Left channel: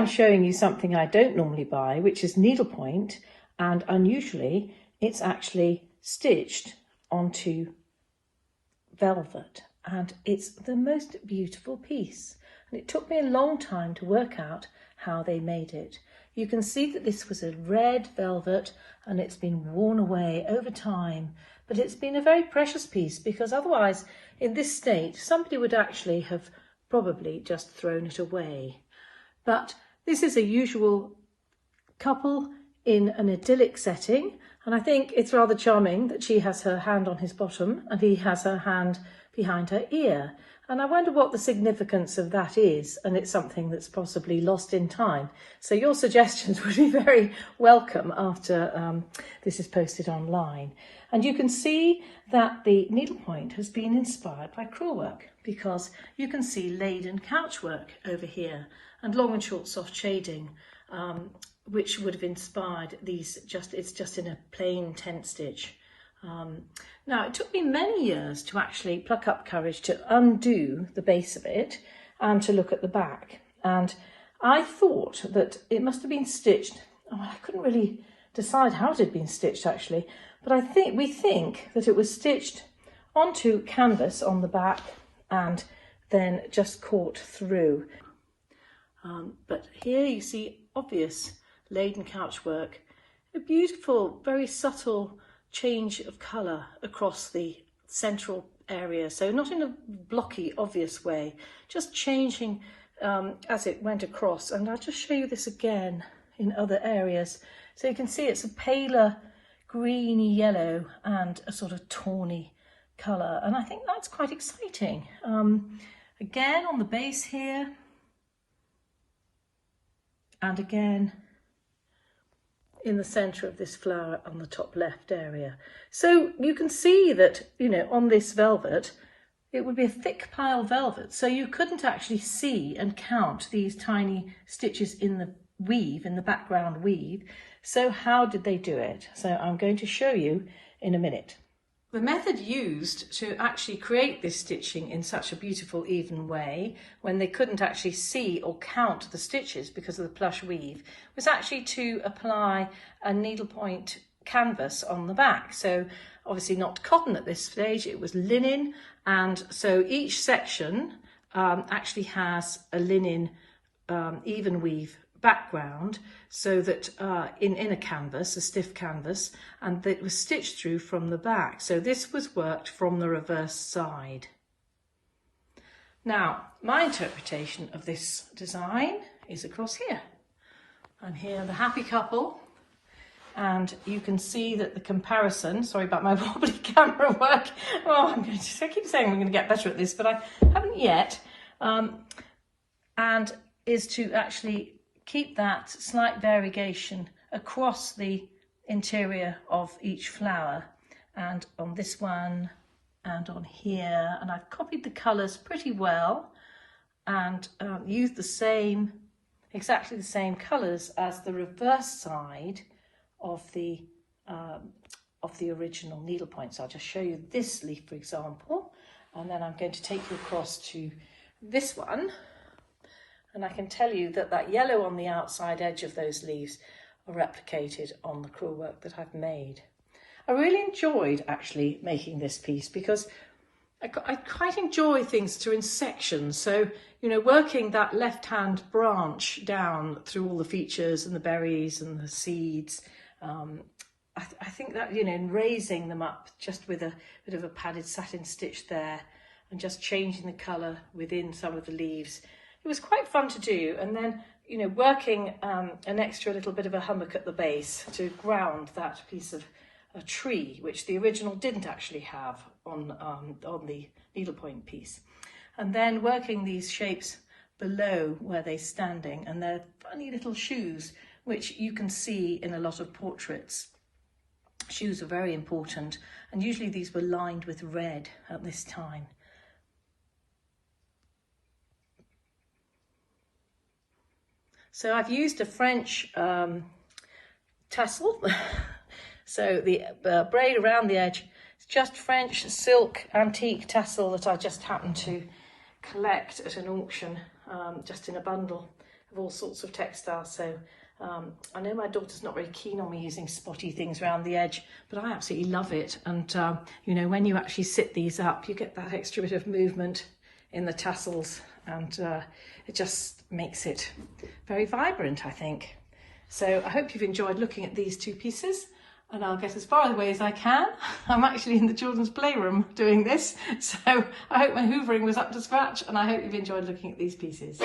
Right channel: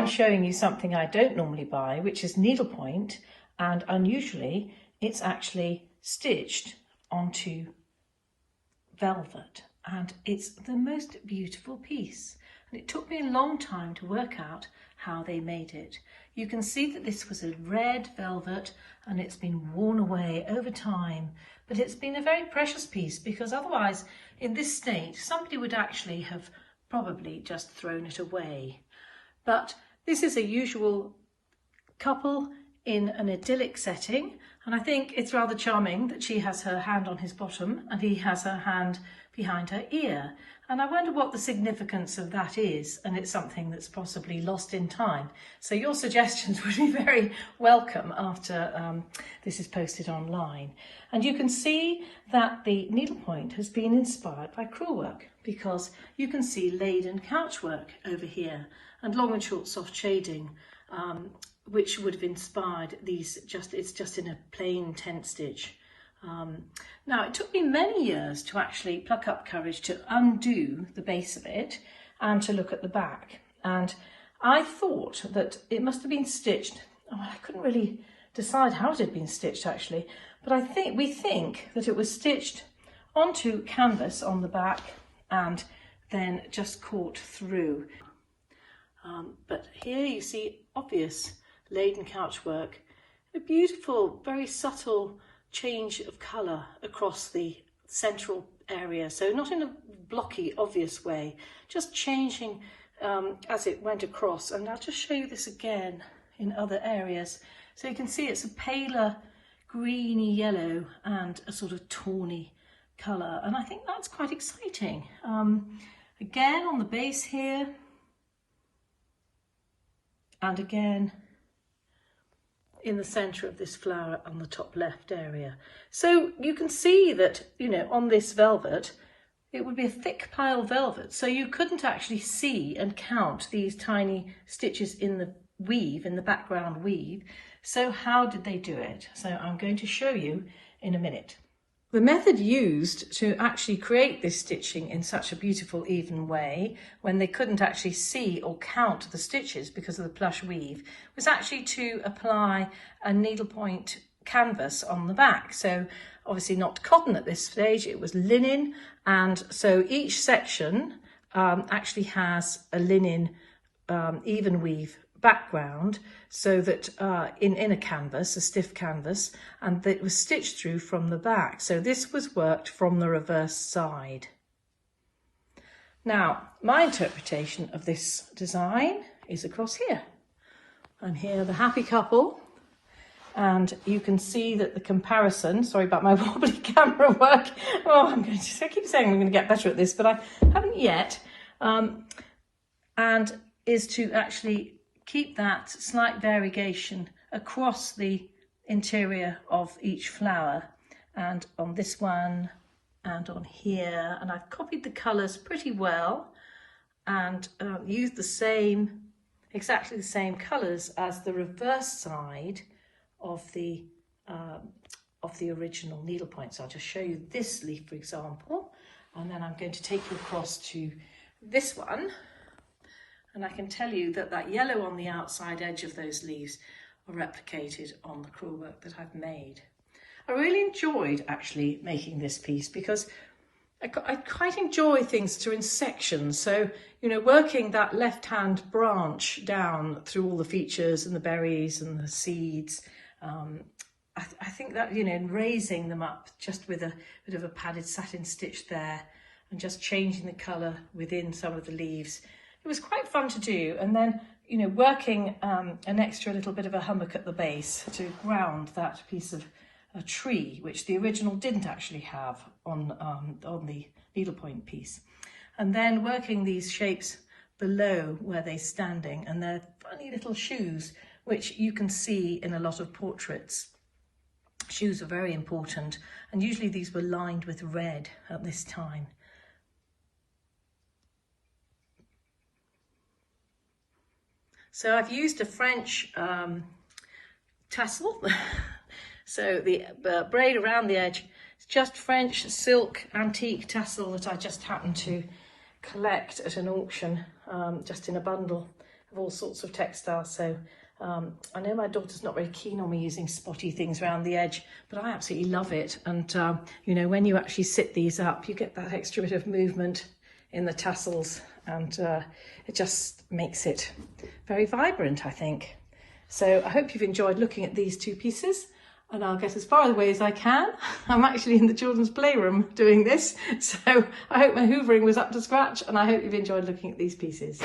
I'm showing you something I don't normally buy, which is needlepoint, and unusually it's actually stitched onto velvet, and it's the most beautiful piece. And it took me a long time to work out how they made it. You can see that this was a red velvet and it's been worn away over time, but it's been a very precious piece, because otherwise in this state somebody would actually have probably just thrown it away. But this is a usual couple in an idyllic setting, and I think it's rather charming that she has her hand on his bottom and he has her hand behind her ear. And I wonder what the significance of that is, and it's something that's possibly lost in time. So your suggestions would be very welcome after this is posted online. And you can see that the needlepoint has been inspired by crewel work, because you can see laden couch work over here and long and short soft shading, which would have inspired these. It's just in a plain tent stitch. Now, it took me many years to actually pluck up courage to undo the base of it and to look at the back. And I thought that it must have been stitched. Oh, I couldn't really decide how it had been stitched actually, but we think that it was stitched onto canvas on the back and then just caught through. But here you see obvious laden couch work, a beautiful, very subtle change of colour across the central area. So not in a blocky, obvious way, just changing as it went across. And I'll just show you this again in other areas. So you can see it's a paler greeny yellow and a sort of tawny colour. And I think that's quite exciting. Again on the base here. And again in the centre of this flower on the top left area. So you can see that, you know, on this velvet, it would be a thick pile velvet. So you couldn't actually see and count these tiny stitches in the weave, in the background weave. So how did they do it? So I'm going to show you in a minute. The method used to actually create this stitching in such a beautiful even way, when they couldn't actually see or count the stitches because of the plush weave, was actually to apply a needlepoint canvas on the back. So obviously not cotton at this stage, it was linen, and so each section actually has a linen even weave background, so that in a canvas, a stiff canvas, and it was stitched through from the back. So this was worked from the reverse side. Now, my interpretation of this design is across here. I'm here, the happy couple, and you can see that the comparison, sorry about my wobbly camera work, I keep saying I'm going to get better at this, but I haven't yet, and is to actually keep that slight variegation across the interior of each flower, and on this one and on here, and I've copied the colours pretty well and used exactly the same colours as the reverse side of the original needlepoint. So I'll just show you this leaf, for example, and then I'm going to take you across to this one. And I can tell you that that yellow on the outside edge of those leaves are replicated on the crewel work that I've made. I really enjoyed actually making this piece, because I quite enjoy things through in sections. So, you know, working that left-hand branch down through all the features and the berries and the seeds, I think that, you know, in raising them up just with a bit of a padded satin stitch there and just changing the colour within some of the leaves, it was quite fun to do. And then, you know, working an extra little bit of a hummock at the base to ground that piece of a tree, which the original didn't actually have on the needlepoint piece. And then working these shapes below where they're standing, and they're funny little shoes, which you can see in a lot of portraits. Shoes are very important, and usually these were lined with red at this time. So I've used a French tassel. So the braid around the edge, it's just French silk antique tassel that I just happened to collect at an auction, just in a bundle of all sorts of textiles. So I know my daughter's not very keen on me using spotty things around the edge, but I absolutely love it. And you know, when you actually sit these up, you get that extra bit of movement in the tassels, and it just makes it very vibrant, I think. So I hope you've enjoyed looking at these two pieces, and I'll get as far away as I can. I'm actually in the children's playroom doing this, so I hope my hoovering was up to scratch, and I hope you've enjoyed looking at these pieces.